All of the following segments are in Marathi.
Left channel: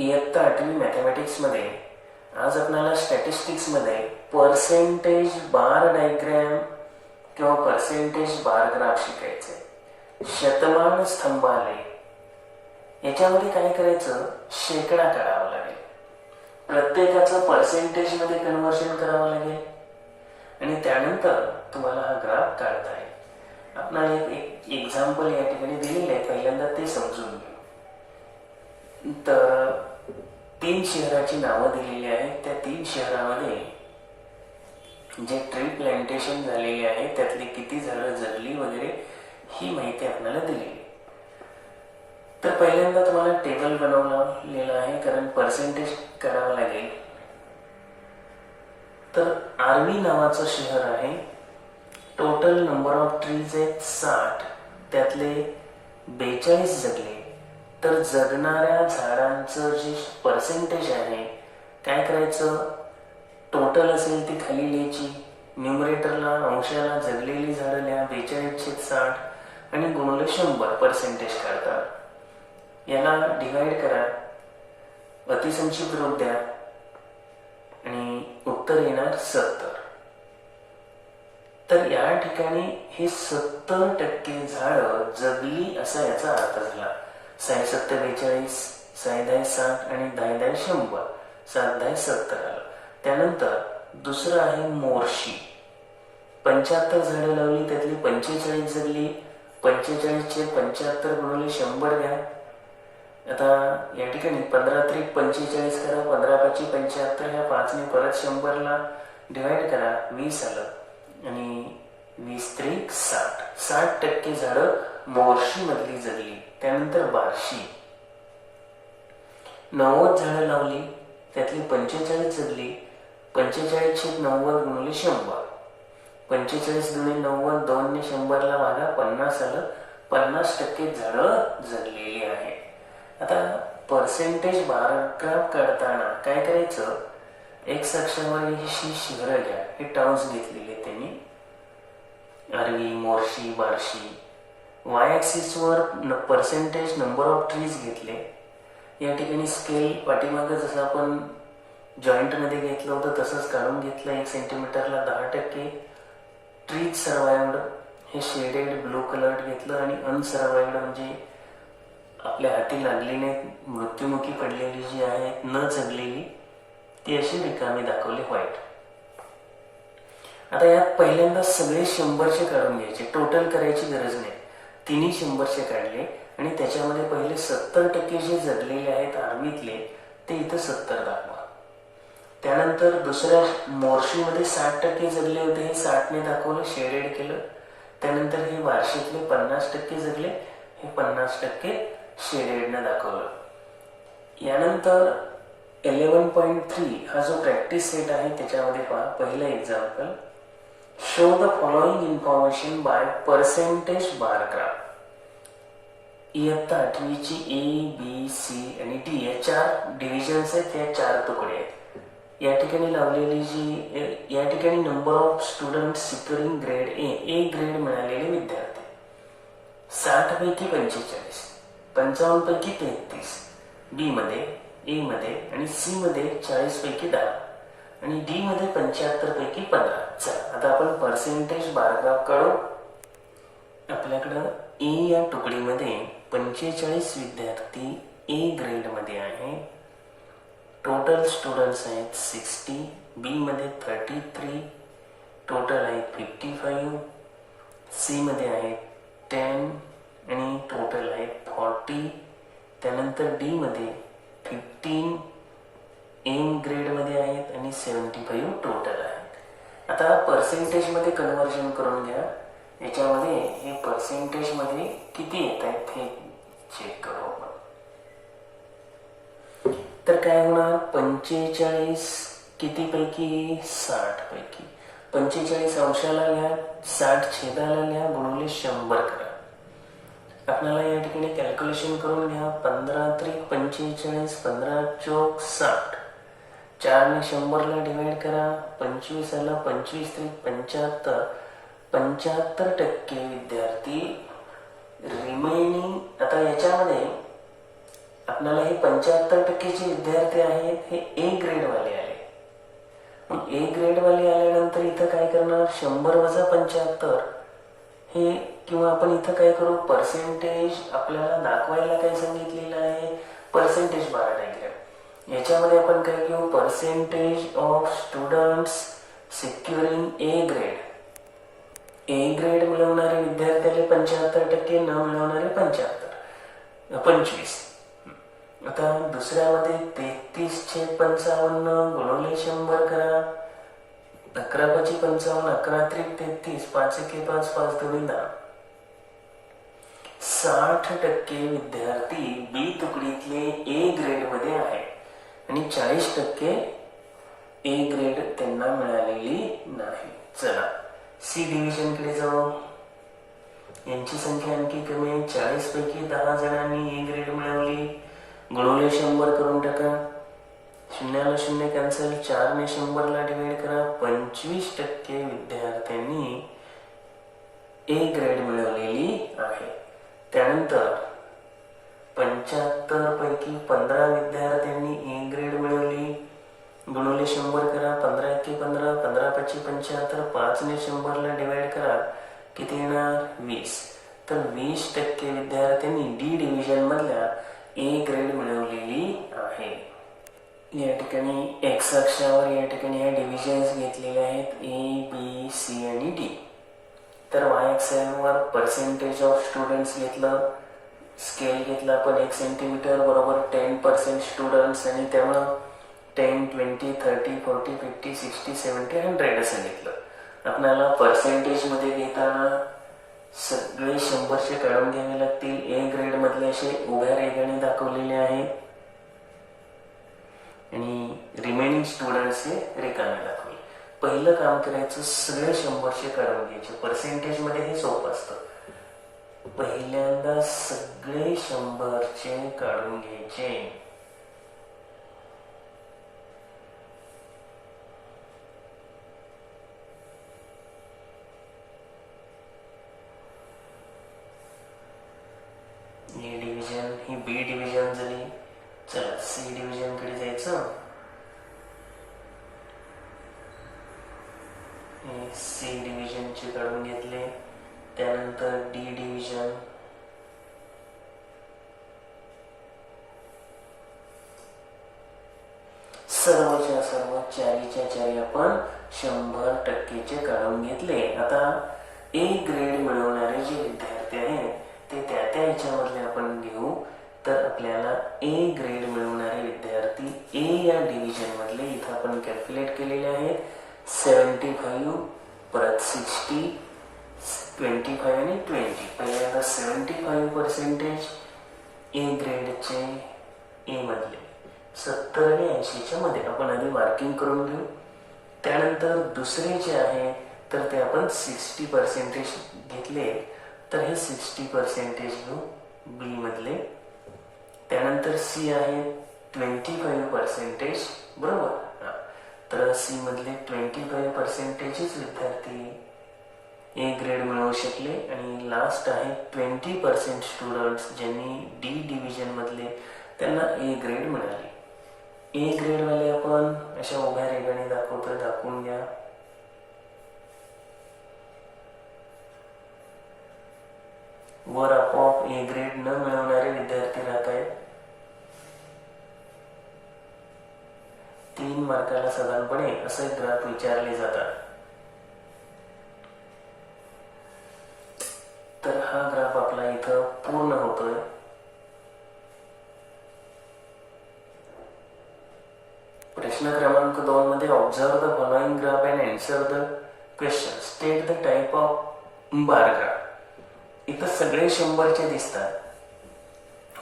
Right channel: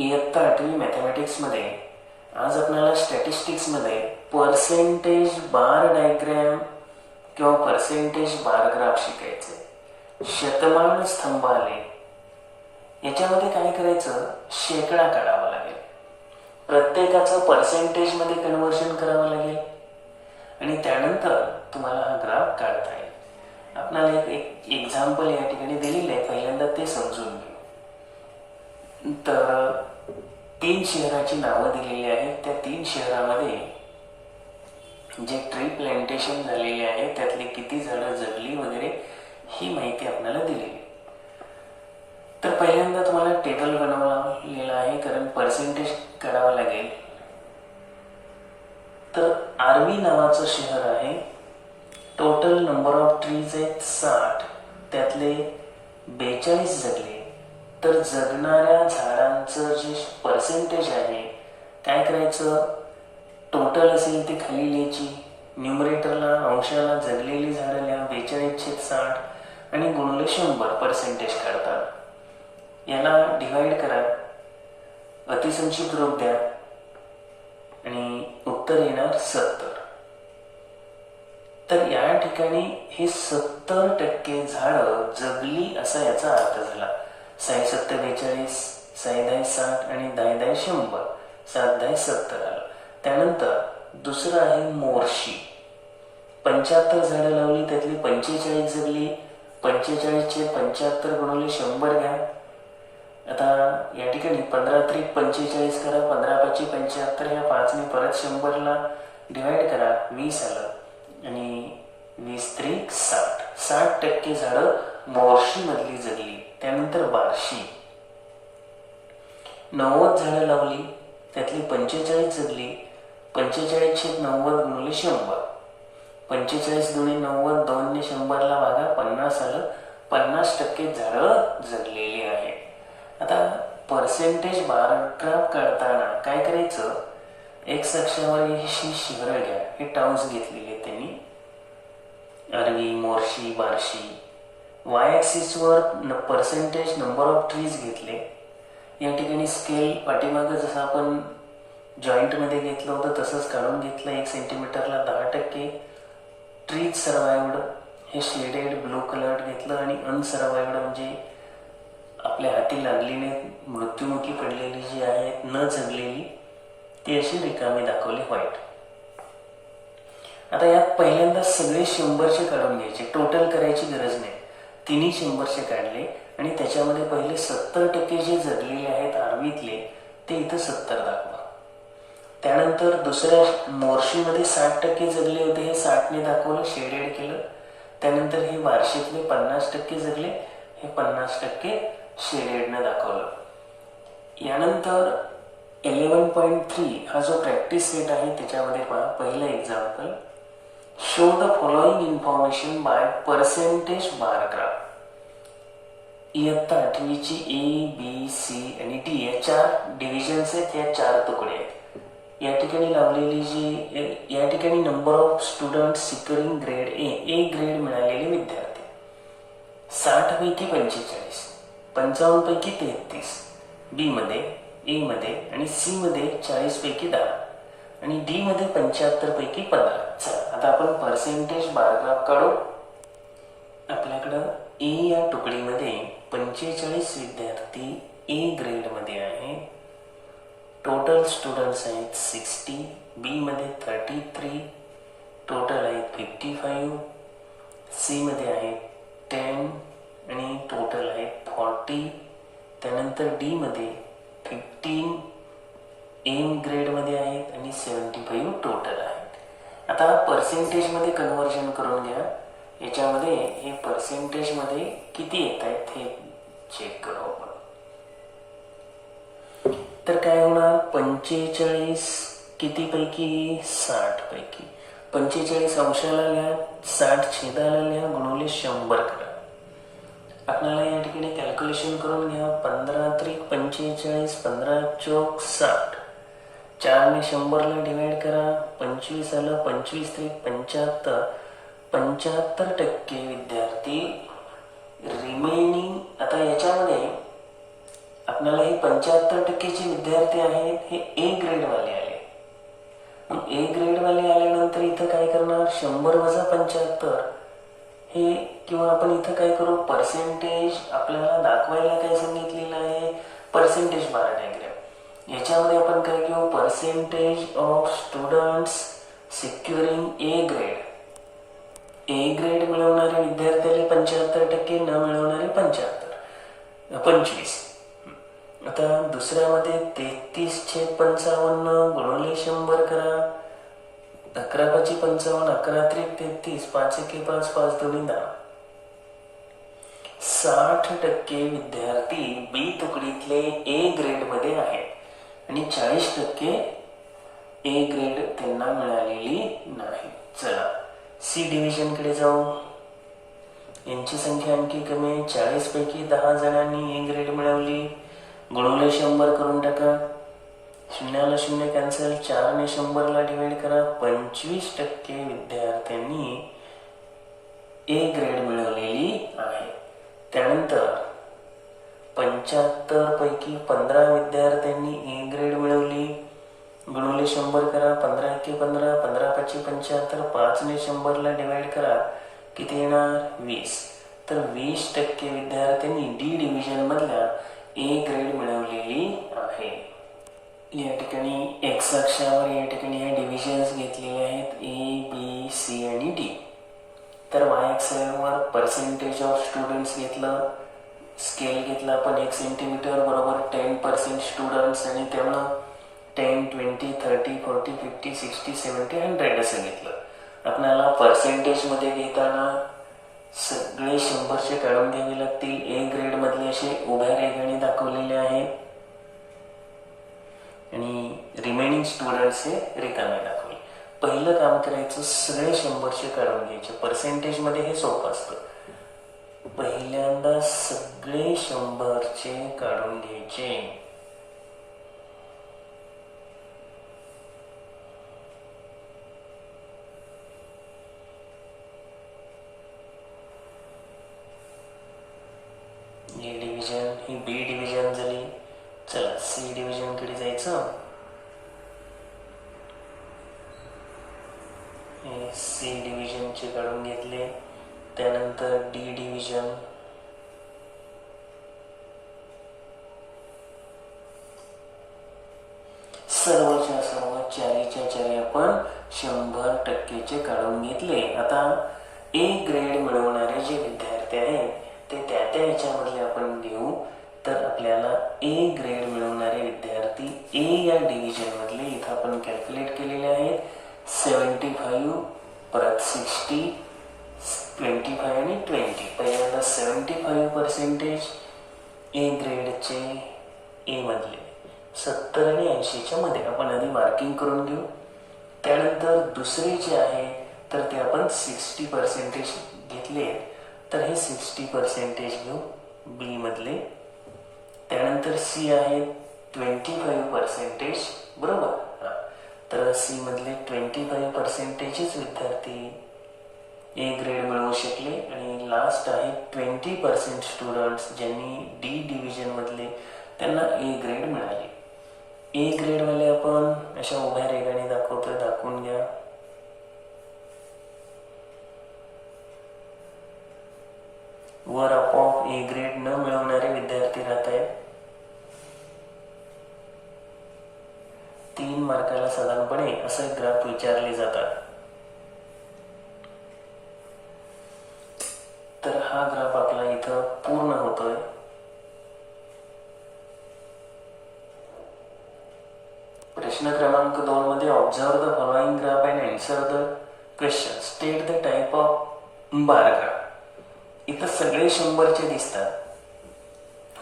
इयत्ता 8वी मॅथमॅटिक्समध्ये आज आपल्याला स्टॅटिस्टिक्समध्ये पर्सेंटेज बार डायग्रॅम किंवा पर्सेंटेज बार ग्राफ शिकायचे. शतमान स्तंभालेख याच्यामध्ये काय करायचं, शेकडा काढावा लागेल, प्रत्येकाचं पर्सेंटेजमध्ये कन्व्हर्शन करावं लागेल आणि त्यानंतर तुम्हाला हा ग्राफ काढता येईल. आपल्याला एक एक्झाम्पल या ठिकाणी दिलेलं आहे, पहिल्यांदा ते समजून घेऊ. तर 3 शहराची नावं दिलेली आहेत. त्या 3 शहरामध्ये जे ट्री प्लांटेशन झालेले आहे त्यातली किती झाडं जगली वगैरे ही माहिती आपल्याला दिलेली. तर पहिल्यांदा तुम्हाला टेबल बनवलेला आहे, कारण पर्सेंटेज काढावं लागेल. तर आर्वी नावाचं शहर आहे. टोटल नंबर ऑफ ट्रीज आहेत 60, त्यातले 42 जगले. तर जगणाऱ्या झाडांचं जे पर्सेंटेज आहे, काय करायचं, टोटल असेल ती खाली लिहायची, न्यूमरेटरला अंशाला जगलेली झाडं लिहा 42/60 आणि गुणिले 100 पर्सेंटेज काढतात. याला डिवाइड करा, अतिसंक्षिप्त रूप द्या आणि उत्तर येणार 70. तर या ठिकाणी हे 70% झाडं जगली असा याचा अर्थ झाला. 6×7=42, 6×10=60 आणि 10×10=100, 7×10=70 आलं. त्यानंतर दुसरं आहे मोर्शी. 75 झाडं लावली, त्यातली 45 जगली. 45/75 गुणिले 100 घ्या. आता या ठिकाणी 15×3=45 करा, 15×5=75, ह्या 5ने परत 100ला डिवाइड करा, 20 आलं आणि 20×3=60. 60% झाडं मोर्शी मधली जगली. त्यानंतर बार्शी. 90 झाडं लावली, त्यातली 45 जगली. 45/90 गुणिले 100, 45×90 2ने 100ला भागा, 50 आलं. 50% झाडं जगलेली आहे. आता पर्सेंटेज बार ग्राफ काढताना काय करायचं, एक्स अक्षावर ही शहरं घ्या, हे टाउन्स घेतलेले त्यांनी, आर्वी, मोर्शी, बार्शी. वाय ॲक्सिसवर पर्सेंटेज नंबर ऑफ ट्रीज घेतले. या ठिकाणी स्केल पाठीमागं जसं आपण जॉईंटमध्ये घेतलं होतं तसंच काढून घेतलं. 1 सेंटीमीटरला 10%. ट्रीज सर्वायवड हे शेडेड ब्लू कलर घेतलं आणि अनसर्वायवड म्हणजे आपल्या हाती लागली नाही, मृत्युमुखी पडलेली जी आहेत, न जगलेली, ती अशी रिकामी दाखवली व्हाईट. आता यात पहिल्यांदा सगळे 100चे काढून घ्यायचे, टोटल करायची गरज नाही. तिन्ही 100चे काढले आणि त्याच्यामध्ये पहिले 70% जे जगलेले आहेत आर्वीतले ते इथं 70 दाखवा. त्यानंतर दुसऱ्या मोर्शीमध्ये 60% जगले होते, हे 60ने दाखवलं, शेडेड केलं. त्यानंतर हे बार्शीतले 50% जगले, हे 50% शेडेडनं दाखवलं. यानंतर 11.3 हा जो प्रॅक्टिस सेट आहे त्याच्यामध्ये पहा, पहिलं example, show the following information bye percentage bar graph. इयत्ता 8वीची A, B, C आणि D या 4 डिव्हिजन्स आहेत, या 4 तुकडे आहेत. या ठिकाणी लावलेली जी या ठिकाणी number of student securing grade A grade मिळालेले विद्यार्थी 60पैकी 45, 55पैकी 33, बी मध्ये, ए मध्ये आणि सी मध्ये 40पैकी 10 आणि डी मध्ये 75पैकी 15. चला आता आपण पर्सेंटेज बार ग्राफ काढू. आपल्याकडं ए या तुकडीमध्ये 45 विद्यार्थी ए ग्रेड मध्ये आहे. टोटल स्टुडंट्स आहेत 60, बी मध्ये 33, टोटल आहेत 55, सी मध्ये आहेत 10 आणि टोटल आहेत 40. त्यानंतर डी मध्ये 15 एम ग्रेड मध्ये आहेत आणि 75 टोटल आहेत. आता पर्सेंटेज मध्ये कन्व्हर्जन करून घ्या. याच्यामध्ये हे पर्सेंटेज मध्ये किती येत आहेत हे चेक करू आपण. तर काय होणार, 45 किती पैकी, 60 पैकी. 45 अंशाला लिहा, 60 छेदाला लिहा, गुणिले 100 करा. आपल्याला या ठिकाणी कॅल्क्युलेशन करून घ्या. 15×3=45, 15×4=60, 4ने 100ला डिवाइड करा, 25 आलं. 25×3=75, 75% विद्यार्थी रिमेनिंग. आता याच्यामध्ये आपल्याला हे 75% जे विद्यार्थी आहेत हे ए ग्रेड वाले आले. मग ए ग्रेड वाले आल्यानंतर इथं काय करणार, 100 वजा 75 हे, किंवा आपण इथं काय करू, पर्सेंटेज आपल्याला दाखवायला काय सांगितलेलं आहे, पर्सेंटेज बार डायग्राम. याच्यामध्ये आपण काय घेऊ, percentage of students securing A grade. A grade मिळवणारे विद्यार्थ्याला 75%, न मिळवणारे 25. आता दुसऱ्यामध्ये 33/55 गुणिले 100 करा. 11×5 = 55, 11×3 = 33, 5×1 = 5, 5×2 = 10. 60% विद्यार्थी बी तुकडीतले ए ग्रेड मध्ये आहेत आणि 40% ए ग्रेड त्यांना मिळालेली नाही. चला सी डिव्हिजन कडे जाऊ. यांची संख्या आणखी कमी आहे. 40 पैकी 10 जणांनी ए ग्रेड मिळवली. गुणिले 100 करून टाका. 0 ला 0 कॅन्सल. 4 ने 100 ला डिवाइड करा. 25% विद्यार्थ्यांनी ए ग्रेड मिळवलेली आहे. त्यानंतर 75 पैकी 15 विद्यार्थ्यांनी ए ग्रेड मिळवली. गुणिले 100 करा. 15×1 = 15, 15×5 = 75, 5 ने 100 ला डिवाइड करा. किती येणार, 20. तर 20% विद्यार्थ्यांनी डी डिव्हिजन मधल्या ए ग्रेड मिळवलेली आहे. या ठिकाणी एक्स अक्षावर या ठिकाणी ह्या डिव्हिजन्स घेतलेले आहेत, ए, बी, सी आणि डी. तर वाय अक्षावर पर्सेंटेज ऑफ स्टुडंट्स घेतलं, स्केल घेतला आपण 1 सेंटीमीटर बरोबर 10% स्टुडंट्स, आणि त्यामुळं 10, 20, 30, 40, 50, 60, 70, 100 असं घेतलं. आपल्याला पर्सेंटेज मध्ये घेताना सगळे 100चे काढून घ्यावे लागतील. ए ग्रेड मधले असे उभ्या रेघाने दाखवलेले आहेत आणि रिमेनिंग स्टुडंट्स हे रिकामे दाखवले. पहिलं काम करायचं, सगळे 100चे काढून घ्यायचे. पर्सेंटेज मध्ये हे सोपं असतं. पहिल्यांदा सगळे 100चे काढून घ्यायचे. ए डिव्हिजन ही बी डिव्हिजन झाली. चला सी डिव्हिजन कडे जायचं. सी डिव्हिजनचे काढून घेतले. त्यानंतर डी डिव्हिजन, सर्वच्या सर्व 4च्या 4 आपण 100%चे काढून घेतले. आता ए ग्रेड मिळवणारे जे विद्यार्थी आहेत ते त्या याच्यामधले आपण घेऊ. तर आपल्याला ए ग्रेड मिळवणारे विद्यार्थी ए या डिव्हिजन मधले इथं आपण कॅल्क्युलेट केलेले आहेत. 75 परत 60, 25 आणि 20. पहिल्यांदा 75% ए ग्रेडचे ए मधले 70 आणि 80च्या मध्ये आपण आधी मार्किंग करून घेऊ. त्यानंतर दुसरे जे आहे तर ते आपण 60% घेतले, तर हे 60% घेऊ बी मधले. त्यानंतर सी आहे 25%, बरोबर. तर सी मधले 25% विद्यार्थी ए ग्रेड मिळवू शकले. आणि लास्ट आहे 20% स्टुडंट्स ज्यांनी डी डिव्हिजन मधले त्यांना ए ग्रेड मिळाले. ए ग्रेड वाले आपण अशा उभ्या रेघाने दाखवतोय, दाखवून घ्या. वर आपोआप ए ग्रेड न मिळवणारे विद्यार्थी राहत आहेत. 3 मार्काला साधारणपणे असे ग्राफ विचारले जातात. तर हा ग्राफ आपला इथं पूर्ण होतोय. प्रश्न क्रमांक 2 मध्ये observe the following graph and answer the question. State the type of bar graph. इथं सगळे 100चे दिसतात,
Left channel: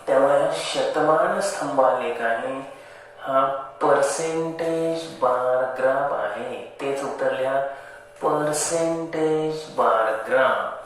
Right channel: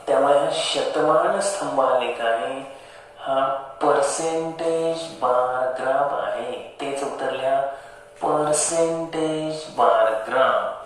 त्यामुळे हा शतमान स्तंभ आलेख आहे. हा पर्सेंटेज बार ग्राफ आहे. तेच उत्तर लिहा, पर्सेंटेज बार ग्राफ.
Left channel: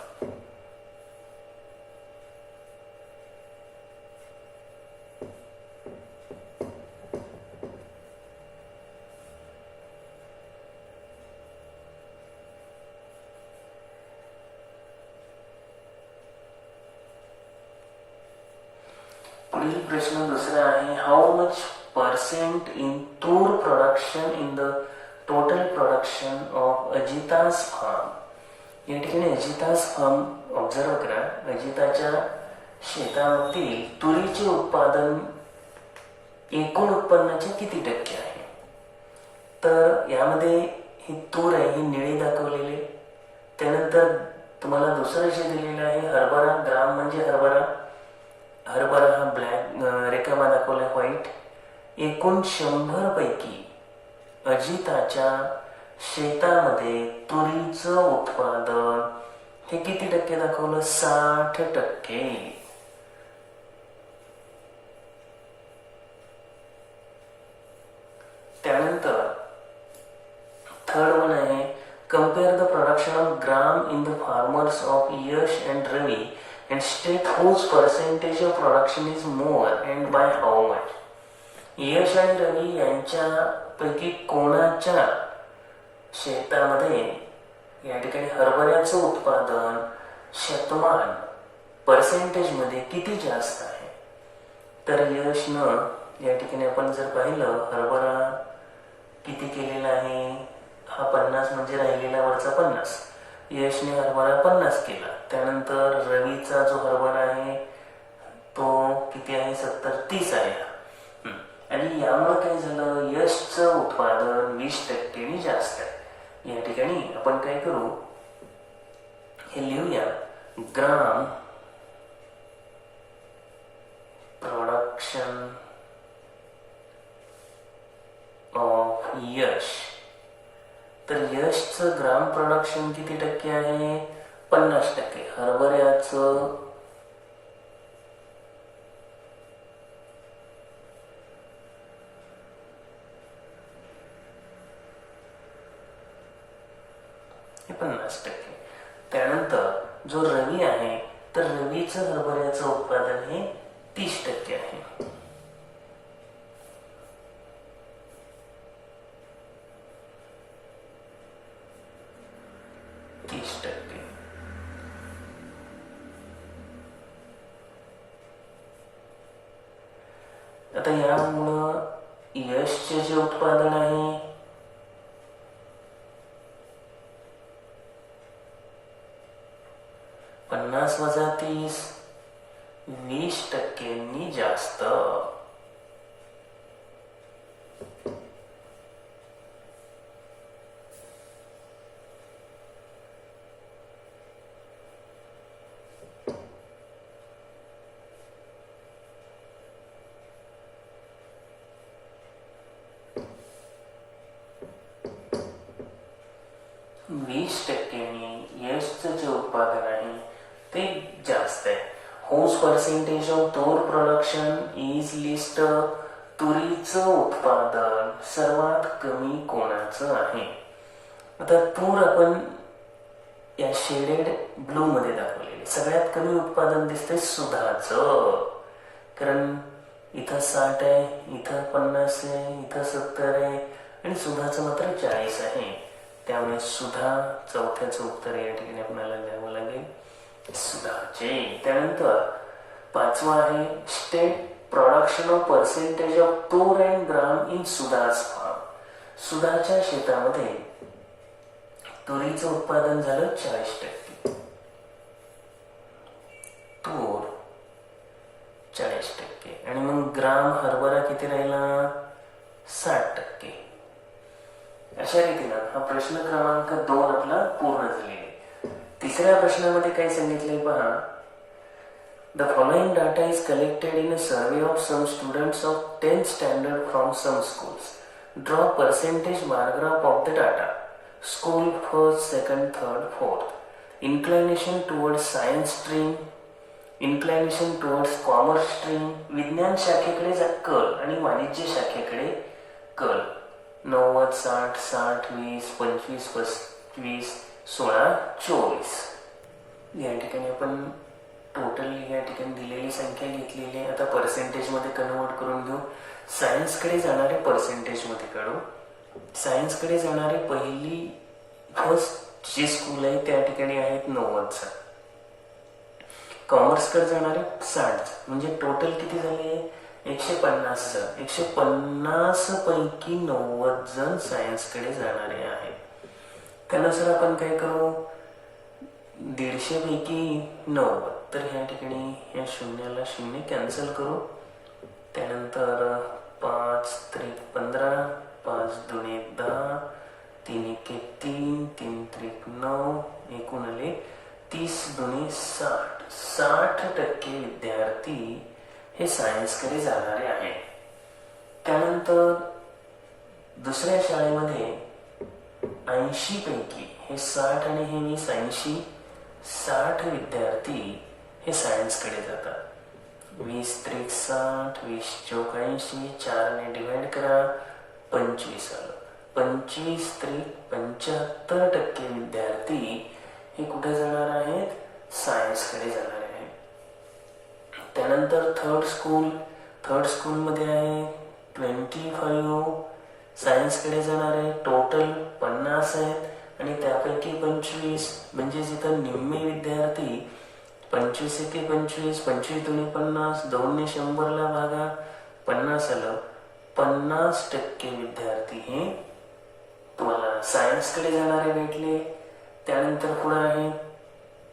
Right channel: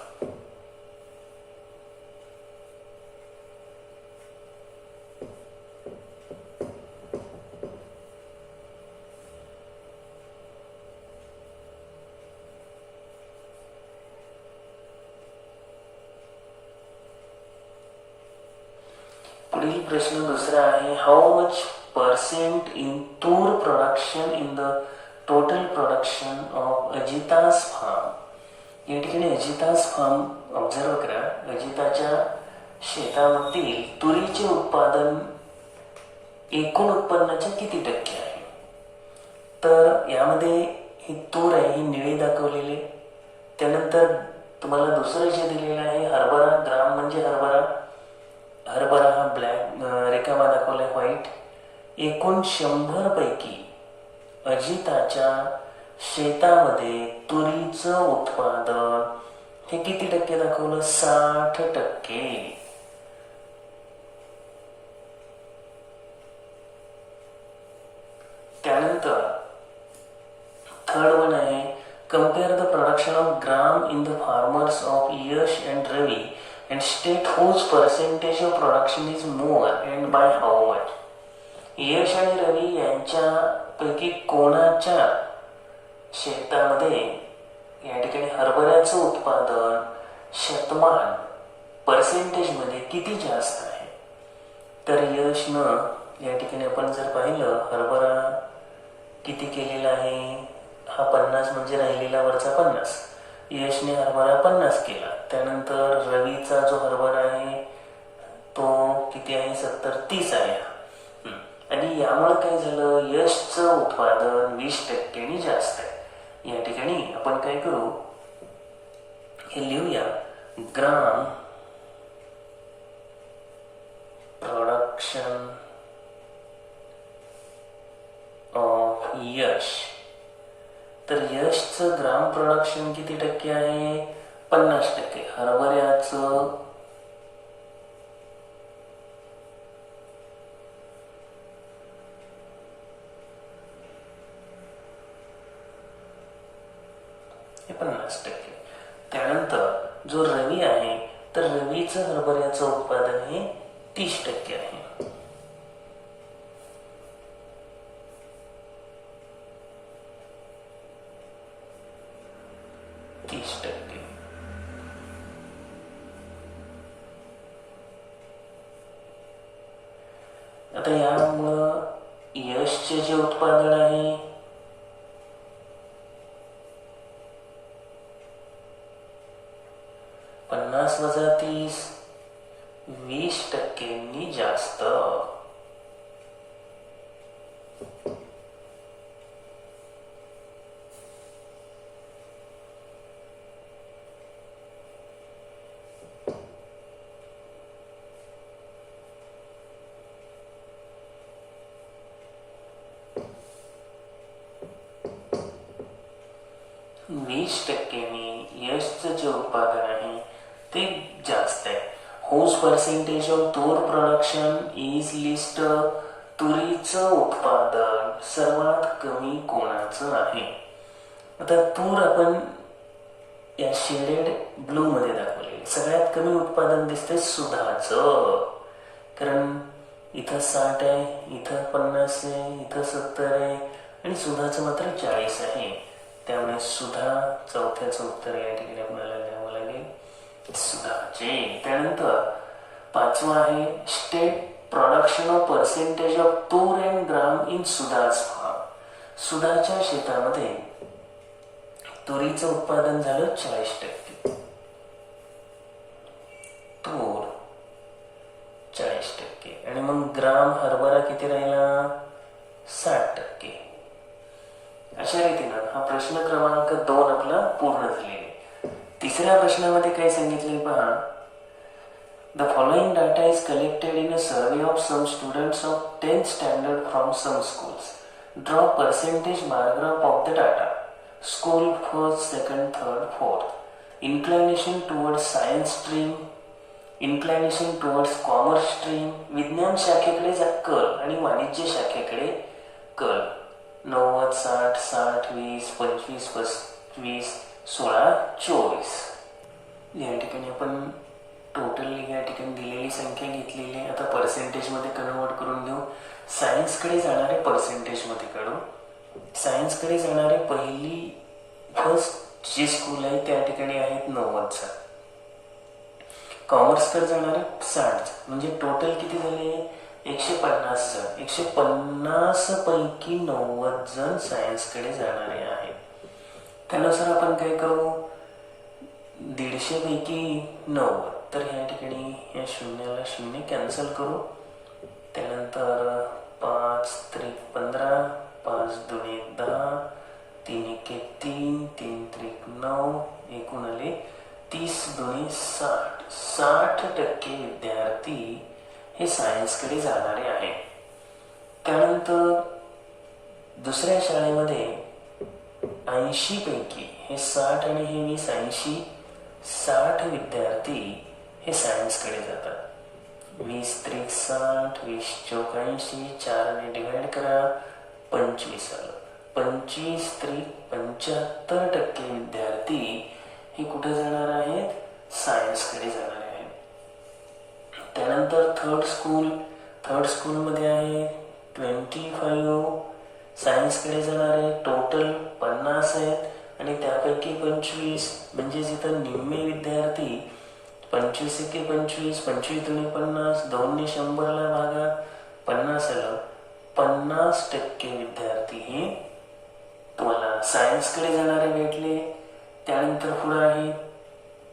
पुढील प्रश्न दुसरा आहे, how much percent in tur production in the total production of Ajita's farm. या ठिकाणी अजिताज फार्म ऑब्झर्व करा. अजिताच्या शेतातील तुरीचे उत्पादन एकूण उत्पन्नाचे किती टक्के आहे? तर यामध्ये ही तूर आहे, ही निळी दाखवलेली. त्यानंतर तुम्हाला दुसरं जे दिलेलं आहे हरभरा, ग्राम म्हणजे हरभरा, हरभरा हा ब्लॅक रेखामा दाखवला व्हाईट. एकूण 100 पैकी अजिताच्या शेतामध्ये तुरीचं उत्पादन हे किती टक्के दाखवलं? 60%. त्यानंतर थर्ड वन आहे, compare the production of gram in the farmers of Yash and Ravi and state whose percentage of production is more and by how much. Yash आणि रवी यांच्यापैकी कोणाच्या शेतामध्ये या ठिकाणी हरभऱ्याचं उत्पादन शतमान पर्सेंटेजमध्ये किती जास्त आहे? तर यशनं या ठिकाणी आपण जर पाहिलं हरभरा किती केलेला आहे, हा 50 म्हणजे राहिलेला वरचा 50. यशने हरभरा 50 केला. त्यानंतर रवीचा जो हरभरा आहे तो किती आहे? 70-30 आहे. आणि यामुळे काय झालं, यशचं उत्पादन 20% जास्त आहे. या ठिकाणी आपण काय करू, हे लिहूया, ग्राम प्रोडक्शन ऑफ यश. तर यशचं ग्राम प्रोडक्शन किती टक्के आहे? 50%. हरभऱ्याचं हे 50%. त्यानंतर जो रवी आहे तर रवीचं हरभऱ्याचं उत्पादन हे 30% आहे. आता यामुळं यशचे जे उत्पादन आहे पन्नास वजा 30, 20% जास्त. यशचं जे उत्पादन आहे ते जास्त आहे. हुज पर्सेंटेज ऑफ तूर प्रोडक्शन इज लिस्ट. तुरीचं उत्पादन सर्वात कमी कोणाचं आहे? आता तूर आपण या शेडेड ब्लू मध्ये दाखवलेले. सगळ्यात कमी उत्पादन दिसते सुधाचं, कारण इथं 60 आहे, इथं 50 आहे, इथं 70 आहे आणि सुधाचं मात्र 40 आहे. त्यामुळे सुधा चौथ्याचं उत्तर या ठिकाणी आपल्याला द्यावं लागेल, सुधाचे. त्यानंतर 5वा आहे, state production of percentage of tur and gram in Sudha's farm. सुधाच्या शेतामध्ये तुरीचं उत्पादन झालं 40%, तूर 40%, आणि मग ग्राम हरभरा किती राहिला? 60%. अशा रीतीनं हा प्रश्न क्रमांक 2 आपला पूर्ण झालेला आहे. तिसऱ्या प्रश्नामध्ये काय सांगितलंय पहा, the following data is collected in a survey of some students of 10th standard from some schools. Draw percentage bar graph of the data. School first, second, third, fourth. Inclination towards science stream, inclination towards commerce stream. विज्ञान शाखेकडे कल आणि वाणिज्य शाखेकडे कल. 90, 60, 60, 20, 25, 25, 16, 24. या ठिकाणी आपण टोटल या ठिकाणी दिलेली संख्या घेतलेली आहे. आता पर्सेंटेज मध्ये कन्वर्ट करून घेऊ. सायन्सकडे जाणारे पर्सेंटेज मध्ये काढू. सायन्सकडे जाणारे फर्स्ट जे स्कूल आहे त्या ठिकाणी आहेत 90चा. कॉमर्सकडे जाणारे 60, म्हणजे टोटल किती झाले? 150 जण. 150 पैकी 90 जण सायन्सकडे जाणारे आहेत. त्यानुसार आपण काय करू? 150 पैकी 90, तर ह्या ठिकाणी या शून्याला शून्य कॅन्सल करू. त्यानंतर 5 त्रिक 15, 5 दुणे 10, 3 एके 3, 3 त्रिक 9, एकूण आले 30 दुणे 60. 60% विद्यार्थी हे सायन्सकडे जाणारे आहेत. त्यानंतर दुसऱ्या शाळेमध्ये 80 पैकी हे 60 आणि हे 20, 80, 60 विद्यार्थी हे सायन्सकडे जातात. 20 त्रिक 60, 20 चौक 80, 4 ने डिवाइड करा, 25 आलं. 25 त्रिक 75% विद्यार्थी हे कुठे जाणार आहेत? सायन्सकडे जाणार आहेत. त्यानंतर थर्ड स्कूलमध्ये आहे 25 सायन्सकडे जाणार आहे. टोटल 50 आहेत आणि त्यापैकी 25, म्हणजे इथं निम्मे विद्यार्थी 25 एके 25, 25 दुणे 50, 2 ने 100 ला भागा, 50 आलं. 50% विद्यार्थी हे तुम्हाला सायन्सकडे जाणारे भेटले. त्यानंतर पुढे आहे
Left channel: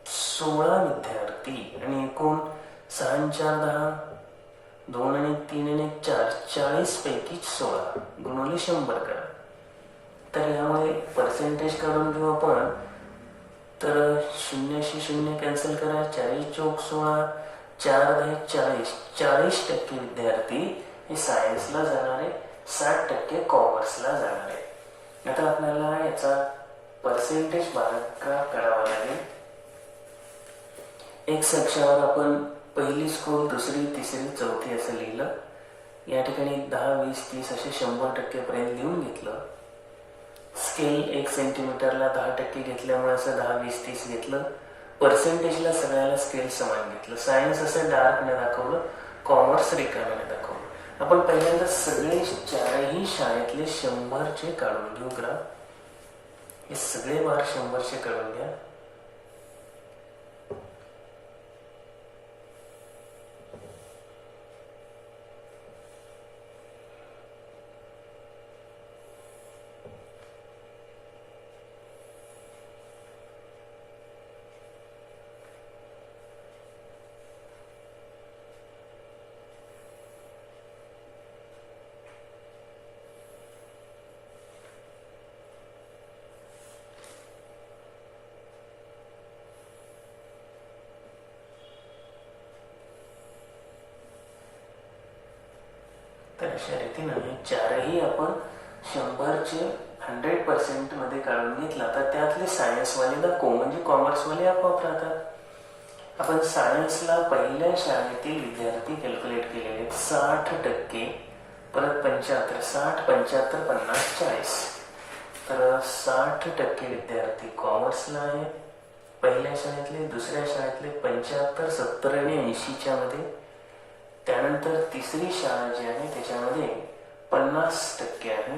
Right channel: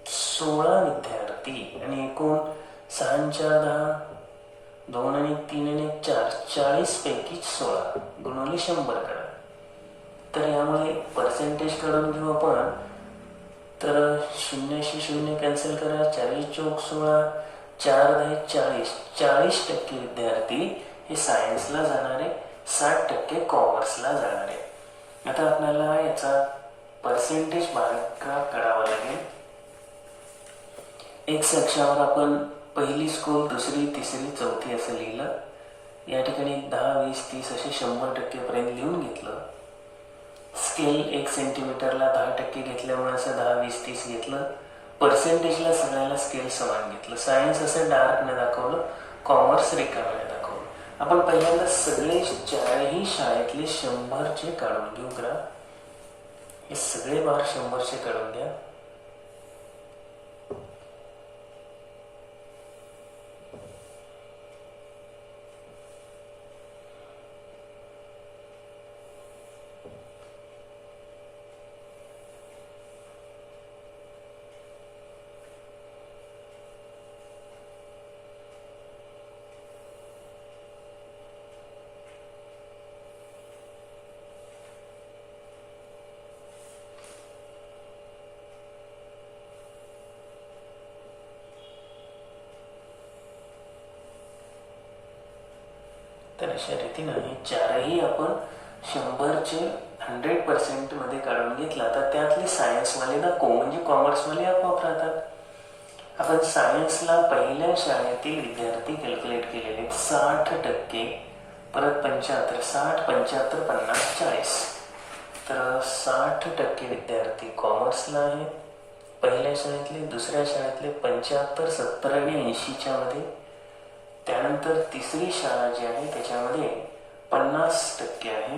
16 विद्यार्थी आणि एकूण 6 आणि 4 10, 2 आणि 3 आणि 4, 40 पैकी 16 गुणिले 100 करा. तर यामुळे पर्सेंटेज काढून घेऊ आपण. तर 0शी 0 कॅन्सल करा, 40 चौक 16, 4 10 40. 40% विद्यार्थी हे सायन्सला जाणारे, 60% कॉमर्सला जाणारे. आता आपल्याला याचा पर्सेंटेज भागाकार करावा लागेल. एक्स अक्षावर आपण पहिली स्कूल, दुसरी, तिसरी, चौथी असं लिहिलं. या ठिकाणी 10 20 30 असे 100% पर्यंत लिहून घेतलं. स्केल 1 सेंटीमीटरला 10% घेतल्यामुळे असं 10 20 30 घेतलं. पर्सेंटेजला सगळ्याला स्केल समान घेतलं. सायन्स असं डार्कने दाखवलं, कॉमर्स रिकाम्याने दाखवलं. आपण पहिल्यांदा सगळे 4ही शाळेतले 100चे काढून घेऊ ग्राफ. हे सगळे बार 100चे काढून घ्या. तर अशा रीतीनं हे 4ही आपण 100चे 100% मध्ये काढून घेतला. तर त्यातले सायन्सवाले दाखवू, म्हणजे कॉमर्सवाले आपोआप राहतात. आपण सायन्सला पहिल्या शाळेतील विद्यार्थी कॅल्क्युलेट केलेले 60%, परत 75, 60 75 50 40. तर 60% विद्यार्थी कॉमर्सला आहेत पहिल्या शाळेतले. दुसऱ्या शाळेतले 75, 70 आणि 80च्या मध्ये. त्यानंतर तिसरी शाळा जी आहे त्याच्यामध्ये 50% आहे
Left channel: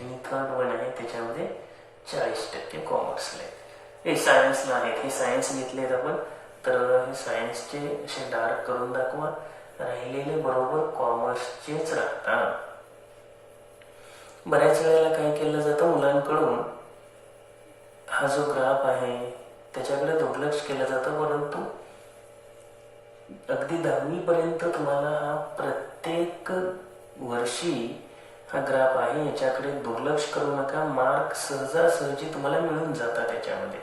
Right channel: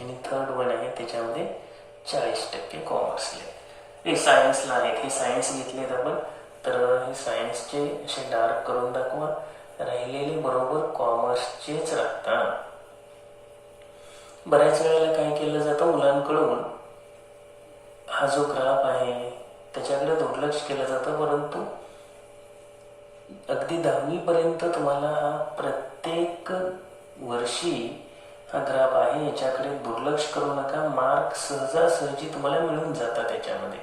आणि थर्ड वन आहे त्याच्यामध्ये 40% कॉमर्सला हे सायन्सला आहेत. हे सायन्स घेतलेत आपण. तर हे सायन्सचे असे डार्क करून दाखवा. राहिलेले बरोबर कॉमर्सचेच राहतात. बऱ्याच वेळेला काय केलं जातं, मुलांकडून हा जो ग्राफ आहे त्याच्याकडे दुर्लक्ष केलं जातं. परंतु अगदी 10वी पर्यंत तुम्हाला हा प्रत्येक वर्षी हा ग्राफ आहे, याच्याकडे दुर्लक्ष करू नका. मार्क सहजासहजी तुम्हाला मिळून जातात त्याच्यामध्ये.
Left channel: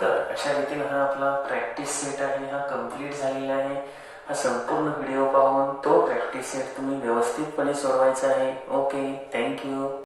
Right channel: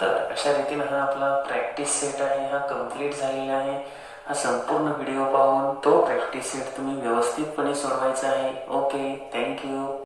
तर अशा रीतीने हा आपला प्रॅक्टिस सेट आहे, हा कंप्लीट झालेला आहे. हा संपूर्ण व्हिडिओ पाहून तो प्रॅक्टिस सेट तुम्ही व्यवस्थितपणे सोडवायचा आहे. Okay, thank you.